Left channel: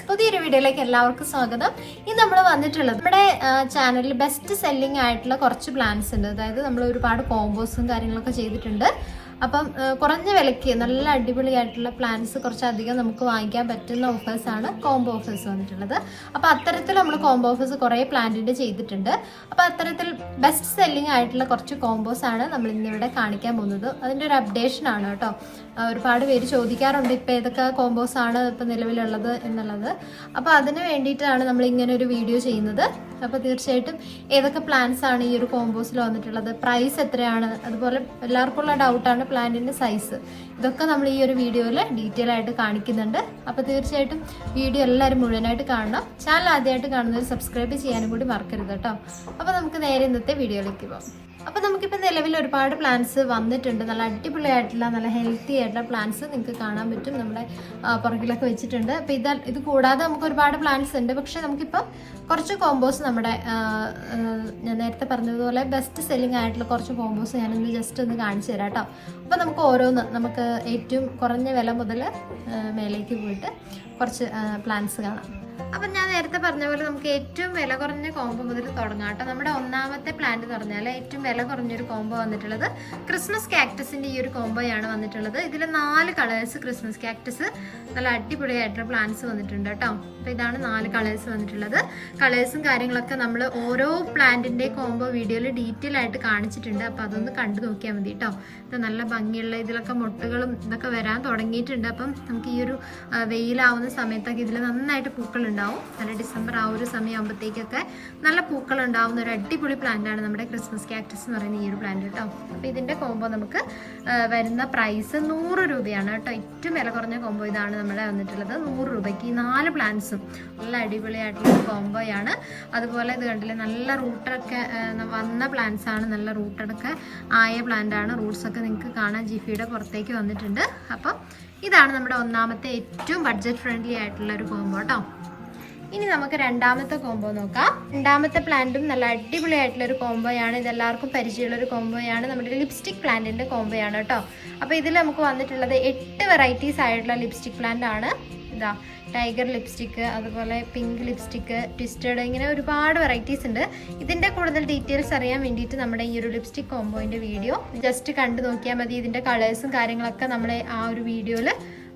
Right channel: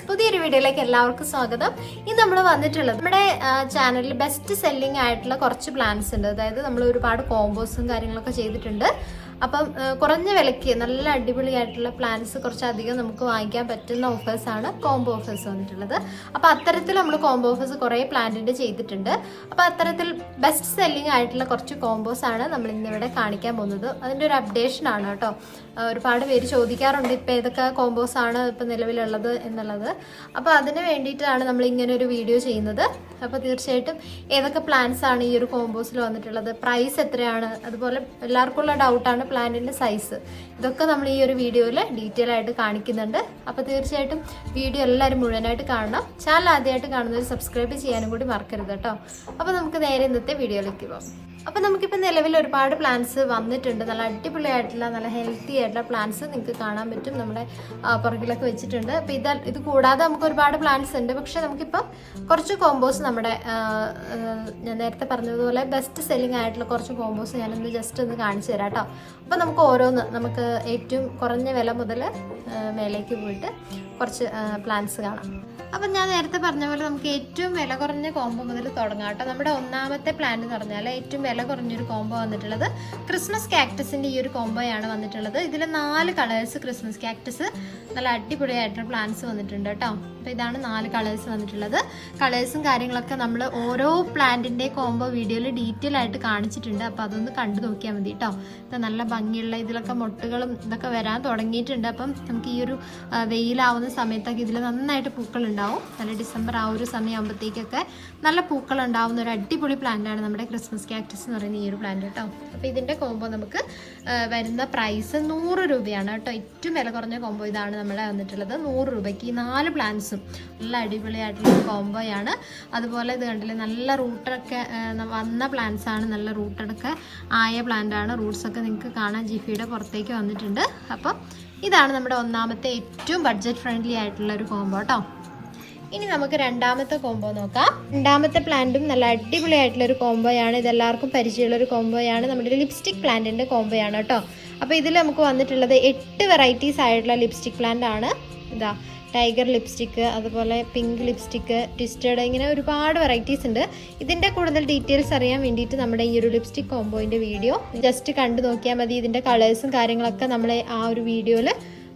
Friends, പുതിയൊരു വീഡിയോയിലേക്ക് എല്ലാവർക്കും സ്വാഗതം. ഇന്ന് നമ്മൾ വന്നിട്ടുള്ളത് നമ്മുടെ ചാനലിൽ ബെസ്റ്റ് സെല്ലിംഗ് ആയിട്ടുള്ള കുറച്ച് പ്ലാൻസ് ഉണ്ട്. അതായത് നമ്മൾ ഒരുപാട് കോമ്പോസും കാര്യങ്ങളൊക്കെ ചെയ്തിട്ടുണ്ട്. അപ്പം കുറഞ്ഞ വിലയ്ക്ക് നല്ല അടിപൊളിയായിട്ടുള്ള പ്ലാൻസ് കുറച്ചധികം നമുക്ക് വാങ്ങിക്കാൻ പറ്റുന്ന ഓഫേഴ്സാണ് കോംബോ ഓഫേഴ്സ് വന്നിട്ടുള്ളത്. അപ്പോൾ അത്തരത്തിൽ നമ്മൾ കോംബോ ഓഫേഴ്സ് കുറേ പ്ലാന്റിൻ്റെ ചെയ്തിട്ടുണ്ട്. അപ്പോൾ അത്തരത്തിൽ ബെസ്റ്റ് സെല്ലിംഗ് ആയിട്ടുള്ള കുറച്ച് കോംബോസ് ആണ് നമ്മൾ ഇന്നിവിടെ കാണിക്കാൻ പോകുന്നത്. അതിൻ്റെ ഒരു അപ്ഡേഷൻ ആണ് കേട്ടോ. ഒരുപാട് പേര് ചോദിക്കാറുണ്ട് ഇപ്പോൾ ഏതൊക്കെ കോംബോസ് ആണ് ഇപ്പോൾ നിലവിലുള്ളത് എന്നുള്ളത്. അപ്പോൾ അതിന് വേണ്ടിയിട്ടാണ് നമ്മൾ ഇങ്ങനെ ഒരു വീഡിയോ ചെയ്യുന്നത്. അപ്പോൾ തീർച്ചയായിട്ടും ഏതൊക്കെ പ്ലാൻസ് ആണ് ഈ ഒരു കോംബോസിൽ വന്നിട്ടുള്ളത്, പ്രൈസ് എത്രയാണ്, അതുപോലെ എല്ലാവർക്കും ഉള്ള ഡൗട്ടാണ് പ്ലാന്റിൻ്റെ സൈസ്. ഇതൊക്കെ നമ്മൾ ഈ ഒരു വീഡിയോയിൽ ഡീറ്റെയിൽ ആയിട്ട് കാണിക്കുന്നുണ്ട്. അപ്പോൾ തീർച്ചയായിട്ടും വീഡിയോ എല്ലാവരും മുഴുവനായിട്ട് കാണണം. ചാനൽ ആദ്യമായിട്ട് കാണുന്നവർ സബ്സ്ക്രൈബ് ചെയ്യാനും കൂടി മറക്കരുത് കേട്ടോ. അപ്പോൾ നമുക്ക് നേരെ ഇന്നത്തെ വീഡിയോയിലേക്ക് പോകാം. അപ്പോൾ നമുക്കിപ്പോൾ നിലവിൽ ഒരുപാട് പ്ലാൻസ് വന്നിട്ടുണ്ട്. നല്ല അടിപൊളിയായിട്ടുള്ള നല്ല ഹെൽത്തി ആയിട്ടുള്ള പ്ലാൻസ് നിങ്ങൾക്ക് കാണാൻ പറ്റും. നമ്മുടെ പുറകിലൊക്കെ വെച്ചിട്ടുണ്ട്. അപ്പോൾ ഇത് കൂടാതെ നമുക്ക് ഒരുപാട് പ്ലാൻസ് ഉണ്ട്. പക്ഷേ നമുക്കിപ്പം കുറച്ച് കോമ്പോസ് നമ്മുടെ ഞാൻ നേരത്തെ പറഞ്ഞതുപോലെ ബെസ്റ്റ് സെല്ലിംഗ് ആയിട്ടുള്ള കുറച്ച് കോമ്പോസ് ഞാനൊന്ന് ജസ്റ്റ് ഒന്ന് കാണിച്ചു തരാം കേട്ടോ. അപ്പോൾ നമുക്ക് ഓരോന്ന് നമുക്ക് ഏറ്റവും കുറഞ്ഞ വില മുതൽ മേലേക്ക് പോയിട്ട് കുറച്ച് പ്ലാൻസ് കാണാം. അപ്പം ഞാൻ നേരത്തെ പറഞ്ഞ പോലെ നമുക്ക് ഏറ്റവും വില കുറഞ്ഞ കോംബോ മുതൽ തുടങ്ങാം കേട്ടോ. നമ്മുടെ ഒന്നാമത്തെ പ്ലാന്റ് എന്ന് പറഞ്ഞാൽ ഏറ്റവും വില കുറഞ്ഞൊരു കോംബോ വന്നിട്ടുള്ളത് ക്രിസ്മസ് കാക്ടസിൻ്റെ ഈ ഒരു കോംബോയാണ് വന്നിട്ടുള്ളത്. ഇതിൽ 4 കളേഴ്സ് ക്രിസ്മസ് കാക്ടസ് നല്ല അടിപൊളിയായിട്ടുള്ള പ്ലാന്റ്സ് വന്നിട്ടുണ്ട് കേട്ടോ. അപ്പോൾ ഇതാണ് 4 കളേഴ്സ് വന്നിട്ടുള്ളത്. കളേഴ്സും കാര്യങ്ങളൊക്കെ നമ്മൾ ഓരോ പ്ലാന്റിൻ്റെ കോംബോ വീഡിയോയിൽ ഡീറ്റെയിൽ ആയിട്ട് കാണിച്ചിട്ടുണ്ട്. അപ്പോൾ അതൊന്ന് കണ്ടു നോക്കിയാൽ മതി കേട്ടോ. നല്ല ഭംഗിയുള്ള ഇതിലൊക്കെ മുട്ടുകളും ഇതൊക്കെ വരാൻ തുടങ്ങിയിട്ടുണ്ട്. അപ്പം നമുക്ക് ഈ ഒരു വെയിലാവുന്ന സമയത്തൊക്കെ ഇതിൽ നന്നായിട്ട് പൂക്കളുണ്ടാവും. നല്ല ഡിസംബർ ആ ഒരു സമയമാകുമ്പോഴത്തേക്കൊക്കെ നല്ല പൂക്കൾ ഉണ്ടാവുന്ന ഒരു അടിപൊളി പ്ലാന്റാണ് നമ്മുടെ ക്രിസ്മസ് കാക്ടസ് എന്ന് പറയുന്ന ഈ ഒരു പ്ലാന്റ് കേട്ടോ. അപ്പോൾ ഇതിൻ്റെ കോംബോ നമുക്ക് വരുന്ന പ്രൈസ് 100 രൂപയാണ് കേട്ടോ. ഏറ്റവും വില കുറഞ്ഞ കോംബോ ഇതാണ് നമ്മളെ വന്നിട്ടുള്ളത്. 100 രൂപയ്ക്ക് ഈ 4 പ്ലാന്റ്സും നല്ല അടിപൊളിയായിട്ടുള്ള കോംബോയാണ്. അതുപോലെ ഇത് കണ്ടില്ലേ, നല്ല റൂട്ടൊക്കെ വന്ന പ്ലാന്റ്സ് ആണ്. നല്ല റൂട്ടൊക്കെ ആയ പ്ലാന്റ് ആണ്. റൂട്ട്സൊക്കെ നിങ്ങൾക്ക് കാണാൻ ജിഫിയുടെ പുറത്തേക്ക് വന്നിട്ടുണ്ട്. അപ്പം ഇതാണ് നമ്മുടെ ഒന്നാമത്തെ ഏറ്റവും ബഡ്ജറ്റ് ഫ്രണ്ട്ലി ആയിട്ടുള്ള ഒരു കോംബോ കേട്ടോ. ഇനി നമുക്ക് രണ്ടാമത്തെ കോംബോ നോക്കാം. രണ്ടാമത്തെ പ്ലാന്റും നല്ല അടിപൊളിയായിട്ടുള്ള ഒരു കോംബോയാണ്. ഇതെല്ലാവർക്കും പരിചയമുള്ള ഒരു കോംബോയാണ്. നമ്മുടെ ലിപ്സ്റ്റിക് പ്ലാന്റിന്റെ കോംബോയാണ് കേട്ടോ. അപ്പോൾ ഇതിൽ നമുക്ക് വന്നിട്ടുള്ളത് 8 വെറൈറ്റീസ് ആയിട്ടുള്ള ലിപ്സ്റ്റിക് പ്ലാന്റ് ആണ്. ഇതാ ടൈഗർ ലിപ്സ്റ്റിക്ക്, അതുപോലെ പിങ്ക് ലിപ്സ്റ്റിക്ക്, ട്വിസ്റ്റഡ്, ഇങ്ങനെ ഒരുപാട് വെറൈറ്റീസ് ഉണ്ട്. ഇതിൻ്റെ കൂടുതൽ ഡീറ്റെയിൽസ് അറിയാൻ വേണ്ടിയിട്ട് നമ്മുടെ ഈ ഒരു ലിപ്സ്റ്റിക് കോംബോയിൻ്റെ വീഡിയോ ജസ്റ്റ് കണ്ടു നോക്കിയാൽ മതി. ഇതിൻ്റെ കളേഴ്സും കാര്യങ്ങളൊക്കെ നമ്മൾ ആ ഒരു വീഡിയോയിൽ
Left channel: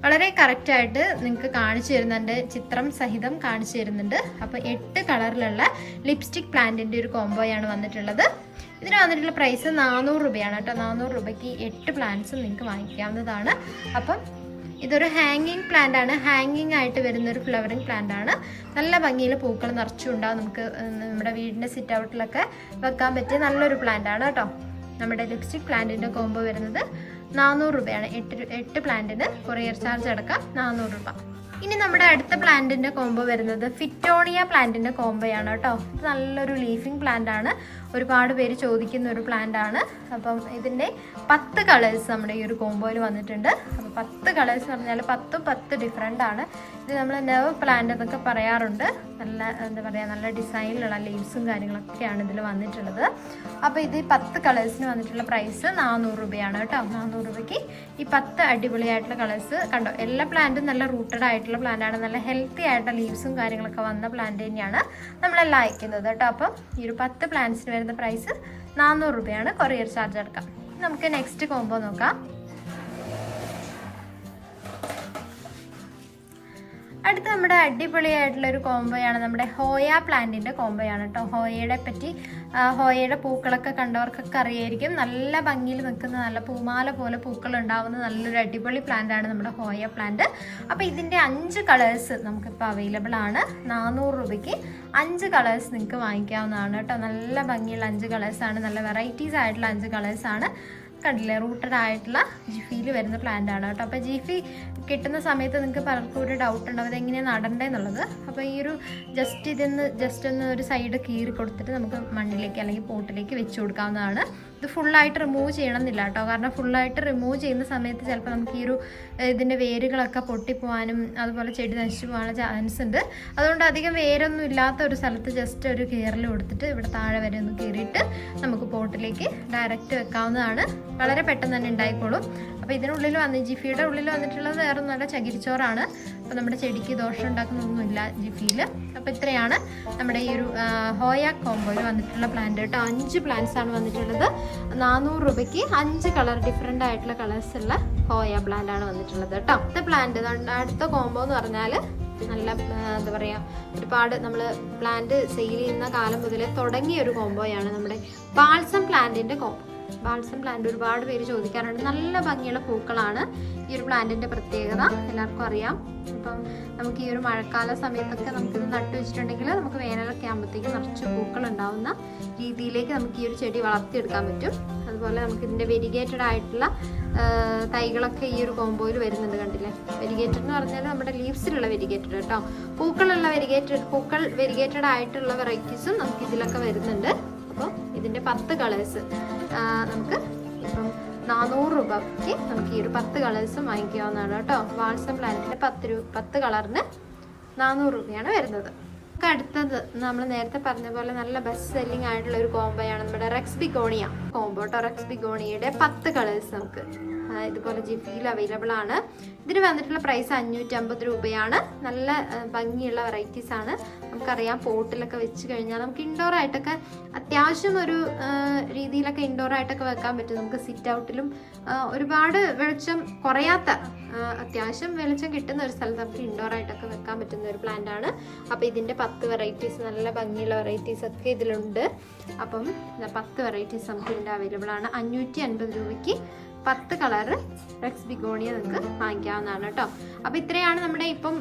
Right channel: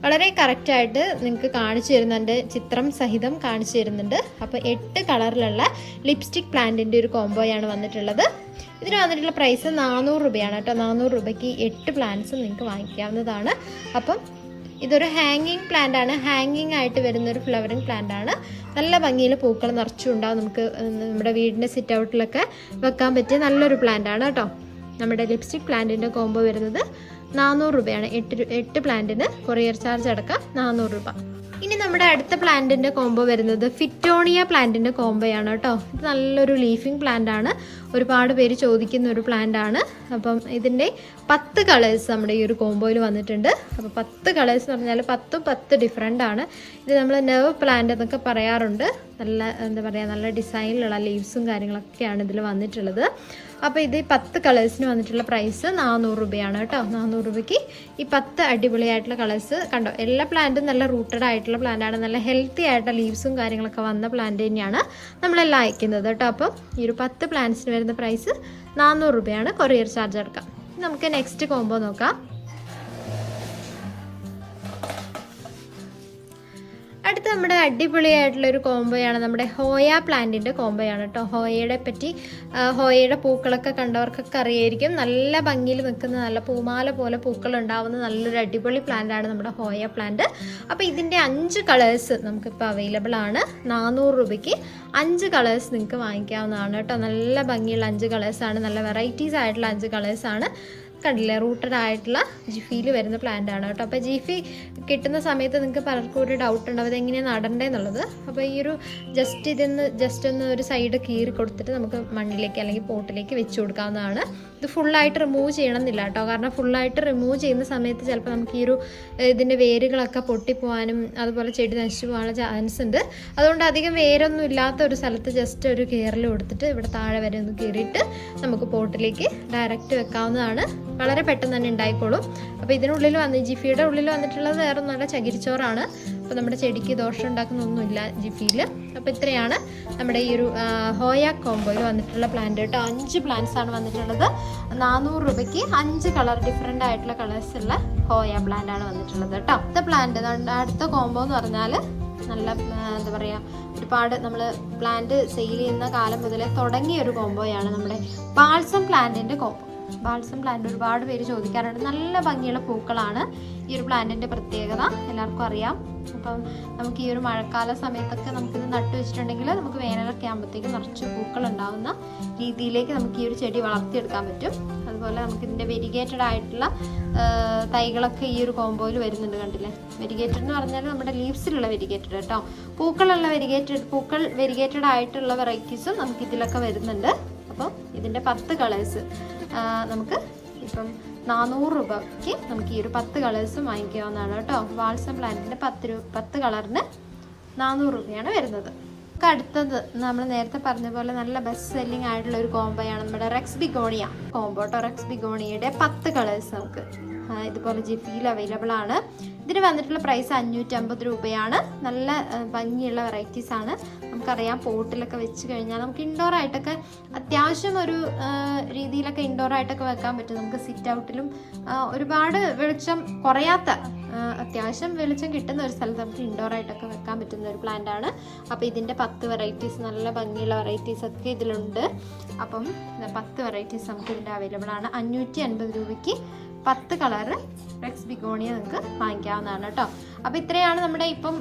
വളരെ കറക്റ്റായിട്ട് നിങ്ങൾക്ക് കാണിച്ചു തരുന്നുണ്ട്, ചിത്രം സഹിതം കാണിച്ചു തരുന്നുണ്ട്. അപ്പോൾ 8 കളറിലുള്ള ലിപ്സ്റ്റിക് പ്ലാന്റിൻ്റെ ഒരു കോംബോയാണ് വന്നിട്ടുള്ളത്. ഇതിന് വന്നിട്ടുള്ള പ്രൈസ് 400 രൂപയാണ് കേട്ടോ. 400 രൂപയ്ക്ക് 8 പ്ലാന്റ്സും നിങ്ങൾക്ക് വാങ്ങിക്കാവുന്നതാണ്. അപ്പം ഇതൊരു ഹാങ്ങിങ് പ്ലാന്റ് ആണ്. ഹാങ്ങിങ് ആയിട്ട് വരുന്ന ഒരു ഫ്ലവറിങ് പ്ലാന്റ് ആണ്. നല്ല ഭംഗിയിൽ പൂക്കൾ നിറച്ചും ഉണ്ടാവും. നമുക്ക് നമ്മുടെ വീടിൻ്റെ സിറ്റ് ഔട്ടിലൊക്കെ വെക്കാൻ പറ്റിയ നല്ലൊരു പ്ലാന്റ് ആണ് കേട്ടോ. നമ്മുടെ ലിപ്സ്റ്റിക് പ്ലാന്റിൻ്റെ കോംബോ വരുന്നത് 400 രൂപയാണ്. 8 പ്ലാന്റിന് കൊറിയർ ചാർജ് അടക്കം 400 രൂപ. ഇനി നമ്മുടെ അടുത്ത പ്ലാന്റിന്റെ കോംബോ വരുന്നത് ഫിറ്റോണിയ പ്ലാന്റിന്റെ കോംബോയാണ് കേട്ടോ. ഇത് നല്ലൊരു ലീഫിംഗ് പ്ലാന്റ് ആണ്. ഒരുപാട് പേര് ചോദിക്കുന്ന ഒരു പ്ലാന്റ് ആണ്. അപ്പം ഇതിൻ്റെ 10 കളേഴ്സ് നമ്മുടെ ഈ ഒരു കോംബോയിൽ വന്നിട്ടുണ്ട്. അപ്പോൾ 10 കളേഴ്സ് എന്ന് പറഞ്ഞാൽ 10 ഡിഫറെൻ്റ് ആണ്. ഇത് നമ്മൾ നെർവ് പ്ലാന്റ് എന്നൊക്കെ പറയാറുണ്ട്. നല്ല എന്താ പറയുക, നല്ല ഡിസൈനിലുള്ള ലീവ്സും കാര്യങ്ങളൊക്കെയാണ് ഇതിൽ വന്നിട്ടുള്ളത്. അപ്പോൾ ഇത് 10 കളേഴ്സിന് വന്നിട്ടുള്ള പ്രൈസ് 400 രൂപയാണ് കേട്ടോ. 400 രൂപയ്ക്ക് ഈ 10 അടിപൊളിയായിട്ടുള്ള കളേഴ്സ് കണ്ടോ. എല്ലാ പ്ലാന്റും നല്ല റൂട്ടഡ് ആയിട്ടുള്ള പ്ലാന്റ് ആണ്. നല്ല ഹെൽത്തി ആയിട്ടുള്ള ലീവ്സും കാര്യങ്ങളൊക്കെ വന്ന പ്ലാന്റ് തന്നെയാണ് നമ്മളെല്ലാം അയക്കുന്നത് കേട്ടോ. അപ്പം ഈ ഒരു 10 പ്ലാന്റ്സിന് വരുന്ന പ്രൈസ് 400 രൂപയാണ്. കൊറിയർ ചാർജ് അടക്കാം. നമുക്ക് നെക്സ്റ്റ് കോംബോ നോക്കാം. അടുത്ത നമ്മുടെ അടിപൊളിയായിട്ടുള്ള ഒരു കോംബോയാണ് നമ്മുടെ ഹോയ പ്ലാന്റിന്റെ കോംബോയാണ് കേട്ടോ. ഹോയയുടെ പൂക്കളൊക്കെ കണ്ടവർക്കൊക്കെ അറിയായിരിക്കും. നല്ല ഭംഗിയിൽ നിൽക്കുന്ന നല്ല പൂമാല പോലെ പൂക്കൾ ഉണ്ടാവുന്ന നല്ലൊരു അടിപൊളി പ്ലാന്റ് ആണ് നമ്മുടെ ഹോയ പ്ലാന്റ്. അപ്പോൾ ഇതിൻ്റെ 5 കളേഴ്സ് നമുക്കിപ്പോൾ അവൈലബിൾ ആണ്. 400 രൂപയ്ക്ക് 5 കളേഴ്സ് നിങ്ങൾക്ക് വാങ്ങിക്കാവുന്നതാണ് കേട്ടോ. നല്ല ഭംഗിയുള്ള 5 കളേഴ്സാണ്. നല്ല വെറൈറ്റീസ് ആയിട്ടുള്ള 5 കളേഴ്സാണ്. കണ്ടില്ലേ, റൂട്ടഡ് ആയിട്ടുള്ള ജിഫിയിൽ വരുന്ന പ്ലാന്റ് ആണ് കേട്ടോ. അപ്പോൾ ജിഫി കിട്ടുന്ന സമയത്ത് നിങ്ങൾക്ക് പലർക്കും ഒരു ഡൗട്ട് ഉണ്ടാവും ഇതെങ്ങനെയാണ് നടണ്ടേന്നുള്ളത്. അപ്പോൾ ഈ ഒരു ജസ്റ്റ് ഒന്ന് ഒരു സൈഡ് കീറി കൊടുത്തിട്ട് നമുക്ക് മണ്ണിലേക്ക് അല്ലെങ്കിൽ പോട്ടിലേക്ക് വെച്ച് കൊടുക്കാവുന്നതാണ്. ഇത് ഫുള്ളായിട്ട് റിമൂവ് ചെയ്യണമെന്നില്ല കേട്ടോ. കാരണം ഫുള്ളായിട്ട് റിമൂവ് ചെയ്യുന്ന സമയത്ത് ചിലപ്പോൾ നമുക്ക് ഈ ഒരു ഇതിൻ്റെ വേരുകളൊക്കെ പൊട്ടിപ്പോവാനും അതുപോലെ ചെടി നശിച്ചു പോകാനുള്ള ചാൻസ് ഉണ്ട്. അതുകൊണ്ട് അധികം വേരൊന്നും ഇല്ലാത്ത ഒരു സ്ഥലത്ത് ജസ്റ്റ് ഒരു കീറൽ കൊടുത്തിട്ട് ഇവിടെ താഴെ വരെ ഒന്ന് കീറിയിട്ട് നമുക്ക് പോട്ടിലേക്ക് ഡയറക്റ്റ് വെക്കാവുന്നതാണ്. വളരെ പെട്ടെന്ന് തന്നെ ഉണ്ടായിക്കോളും. അപ്പോൾ ഇതിനുള്ളിൽ ജിഫിയുടെ ഉള്ളിൽ വന്നിട്ടുള്ളത് വേറെ നല്ല ചകിരിച്ചോറാണ്. അപ്പോൾ നമ്മുടെ ചെടിക്ക് ദോഷം ഉണ്ടാക്കുന്നൊന്നുമില്ല ജിഫിയിൽ. അപ്പോൾ ഇത്രയാണ് നമ്മുടെ ഈ ഒരു ഹോയ കോംബോയിൽ വന്നിട്ടുള്ള പ്ലാന്റ് കേട്ടോ. 5 പ്ലാന്റ്സ് ആണ് വന്നിട്ടുള്ളത്. 400 രൂപയ്ക്ക് 5 കളർ ഡിഫറെൻ്റ് ആയിട്ടുള്ള കളേഴ്സ് ഉള്ള ഹോയ പ്ലാന്റ് ആണ് വന്നിട്ടുള്ളത് കേട്ടോ. അടുത്ത പ്ലാന്റ്, അടുത്ത കോംബോ എന്ന് പറഞ്ഞാൽ നല്ല എന്താ പറയുക, ഒരുപാട് നമ്മൾ പ്ലാന്റ് സെയിൽ ചെയ്യുന്ന കാലം മുതലേ തുടങ്ങിയ ഒരു കോംബോയാണ് നമ്മുടെ ബാൾസം പ്ലാന്റിന്റെ കോംബോ. ബാൾസം പ്ലാന്റ് ഒരുപാട് പേര് ചോദിക്കാറുണ്ട്. നല്ല ഭംഗിയുള്ള പൂക്കളാണ് ഈ ഒരു പ്ലാന്റിന്റെ പ്രത്യേകത, എല്ലാവർക്കും അറിയാം. അപ്പം നമുക്ക് ഈ ഒരു മഴക്കാല സമയത്തൊക്കെ നമുക്കിത് നട്ടു വെച്ചിട്ടുണ്ടെങ്കിൽ നമുക്ക് വേനലൊക്കെ ആകുമ്പോഴത്തേക്ക് നിറച്ച് പൂക്കൾ ഉണ്ടാവുന്ന രീതിയിലേക്ക് നമുക്ക് ഈ ഒരു ചെടി വളർത്തിയെടുക്കാൻ പറ്റും. അതുപോലെ നമുക്ക് ഇതിന്റെ വെരിഗേറ്റഡ് ആയിട്ടുള്ള തൈകളൊക്കെ ഈ ഒരു കോംബോയിൽ വരുന്നുണ്ട്. കണ്ടില്ലേ, വെരിഗേറ്റഡ് എന്ന് പറഞ്ഞാൽ നമ്മുടെ ലീവ്സിലുള്ള വെരിഗേറ്റഡ് കേട്ടോ. പൂക്കൾ വെരിഗേറ്റഡ് ആയിട്ടുള്ള വെറൈറ്റീസും നമുക്ക് ഇതിലൊക്കെ വരുന്നുണ്ട്. അപ്പോൾ ഇതിന്റെ 10 കളേഴ്സ് നമുക്ക് ഇപ്പം 400 രൂപയ്ക്ക് നമുക്ക് ഈ ഒരു 10 കളേഴ്സും വാങ്ങിക്കാവുന്നതാണ് കേട്ടോ. ബാൾസം പ്ലാന്റിന്റെ 10 കളറിന് 400 രൂപയാണ് വരുന്നത്. അടുത്തത് നമ്മൾ നേരത്തെ പറഞ്ഞ പോലെ നല്ല ബെസ്റ്റ് സെല്ലിംഗ് ആയിട്ടുള്ള ഒരു കോംബോയാണ് നമ്മുടെ റെക്സ് ബിഗോണിയ കോംബോ കേട്ടോ. റെക്സ് ബിഗോണിയയുടെ 10 കളേഴ്സ് നമുക്ക് ഇതുപോലെ ജിഫിയിൽ അവൈലബിൾ ആണ്. ഇതിന് വന്നിട്ടുള്ള പ്രൈസ് 550 രൂപയാണ്. നല്ല ഭംഗിയുള്ള വെറൈറ്റീസ് ആണ്. നമുക്കറിയാം പോട്ടിലൊക്കെ വെച്ച് കഴിഞ്ഞാൽ നമുക്ക് ഇൻഡോർ ആയിട്ടൊക്കെ അത്യാവശ്യം ഒരു രീതിയിലൊക്കെ ഇൻഡോർ ആയിട്ടൊക്കെ വെക്കാൻ പറ്റും. നമുക്ക് സിറ്റ് ഔട്ടിലും ഒരുപാട് വെളിച്ചം കുറയാത്ത, അത്യാവശ്യം വെളിച്ചം കിട്ടുന്ന ഒരു സ്ഥലത്ത് നമുക്ക് ഇൻഡോർ ആയിട്ടൊക്കെ വെക്കാൻ പറ്റുന്ന ഒരു പ്ലാന്റ് ആണ്. അപ്പോൾ ഇതിന്റെ 10 വെറൈറ്റീസ്, നല്ല ഭംഗിയുള്ള വെറൈറ്റീസ് ഒക്കെ ഇതിലുണ്ട്. അപ്പം 10 വെറൈറ്റീസ് നമുക്ക് ഇതിന്റെ അവൈലബിൾ ആണ്. 550 രൂപയ്ക്ക് 10 കളറ് റെക്സ് ബിഗോണിയ നിങ്ങൾക്ക് വാങ്ങിക്കാവുന്നതാണ് കേട്ടോ. അപ്പോൾ ഇത്രയാണ് നമ്മുടെ ഇപ്പം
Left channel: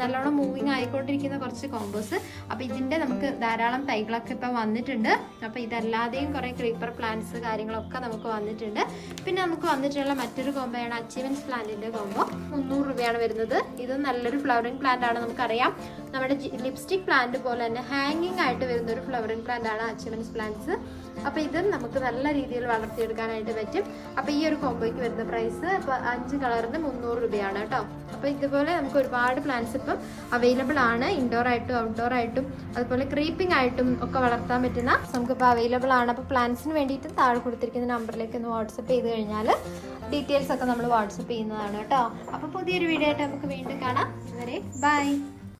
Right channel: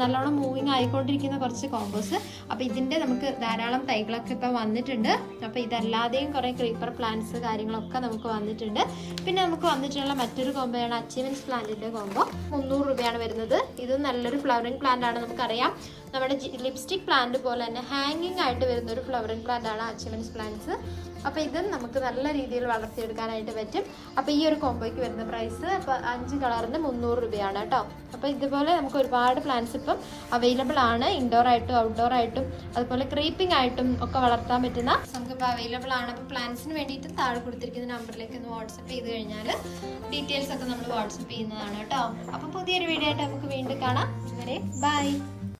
നല്ലോണം മൂവിങ് ആയിക്കൊണ്ടിരിക്കുന്ന കുറച്ച് കോംബോസ്. അപ്പോൾ ഇതിന്റെ നമുക്ക് ധാരാളം തൈകളൊക്കെ ഇപ്പം വന്നിട്ടുണ്ട്. അപ്പോൾ ഇതല്ലാതെയും കുറേ ക്രീപ്പർ പ്ലാന്റ്സ് കാര്യങ്ങളൊക്കെ നമുക്ക് വന്നിട്ടുണ്ട്. പിന്നെ നമുക്ക് വന്നിട്ടുള്ള മറ്റൊരു കോംബോയാണ് അച്ചീവൻസ് പ്ലാന്റിന്റെ കോംബോ. 300 രൂപയാണ് വരുന്നത്. ഇത് നല്ലൊരു ഫ്ലവറിംഗ് പ്ലാന്റ് ആണ്. നമുക്കറിയാം നമ്മുടെ ലിപ്സ്റ്റിക് പ്ലാന്റ് പോലെ തന്നെ ഹാങ്ങിങ് ആയിട്ട് വരുന്ന ഒരു ഫ്ലവറിംഗ് പ്ലാന്റ് ആണ് അച്ചീവൻസ് പ്ലാന്റ്സ്. അപ്പോൾ ഇത് നമുക്ക് നല്ല രീതിയിൽ വളർത്തിയെടുക്കാനായിട്ട് പറ്റും. അപ്പോൾ ഈ ഒരു കോംബോയ്ക്ക് വരുന്ന പ്രൈസ് 5 കളറിന് 300 രൂപയാണ് കേട്ടോ. അപ്പോൾ ഇതുപോലെ നമുക്ക് ഒരുപാട് പ്ലാന്റ്സ് ഇപ്പം അവൈലബിൾ ആണ്. ഇൻഡോർ ആയിട്ടും ഔട്ട്ഡോർ ആയിട്ടും അതുപോലെ ക്രീപ്പിംഗ് ആയിട്ടും ഒക്കെ വളർത്താൻ പറ്റുന്ന നമുക്കിപ്പോൾ അവൈലബിൾ ആണ്. അപ്പോൾ പ്ലാന്റ്സിന് വേണ്ടിയിട്ട് താഴെ കൊടുത്തിരിക്കുന്ന നമ്പറിലേക്ക് ഒന്ന് വാട്സപ്പ് ചെയ്ത് കഴിഞ്ഞാൽ ഡീറ്റെയിൽസ് ഒക്കെ നമ്മൾ വാട്സപ്പ് ചെയ്യുന്നതാണ് കേട്ടോ. അപ്പോൾ പുതിയൊരു വീഡിയോ ആയിട്ട് നമുക്ക് വീണ്ടും കാണാം. വരെ ബൈ.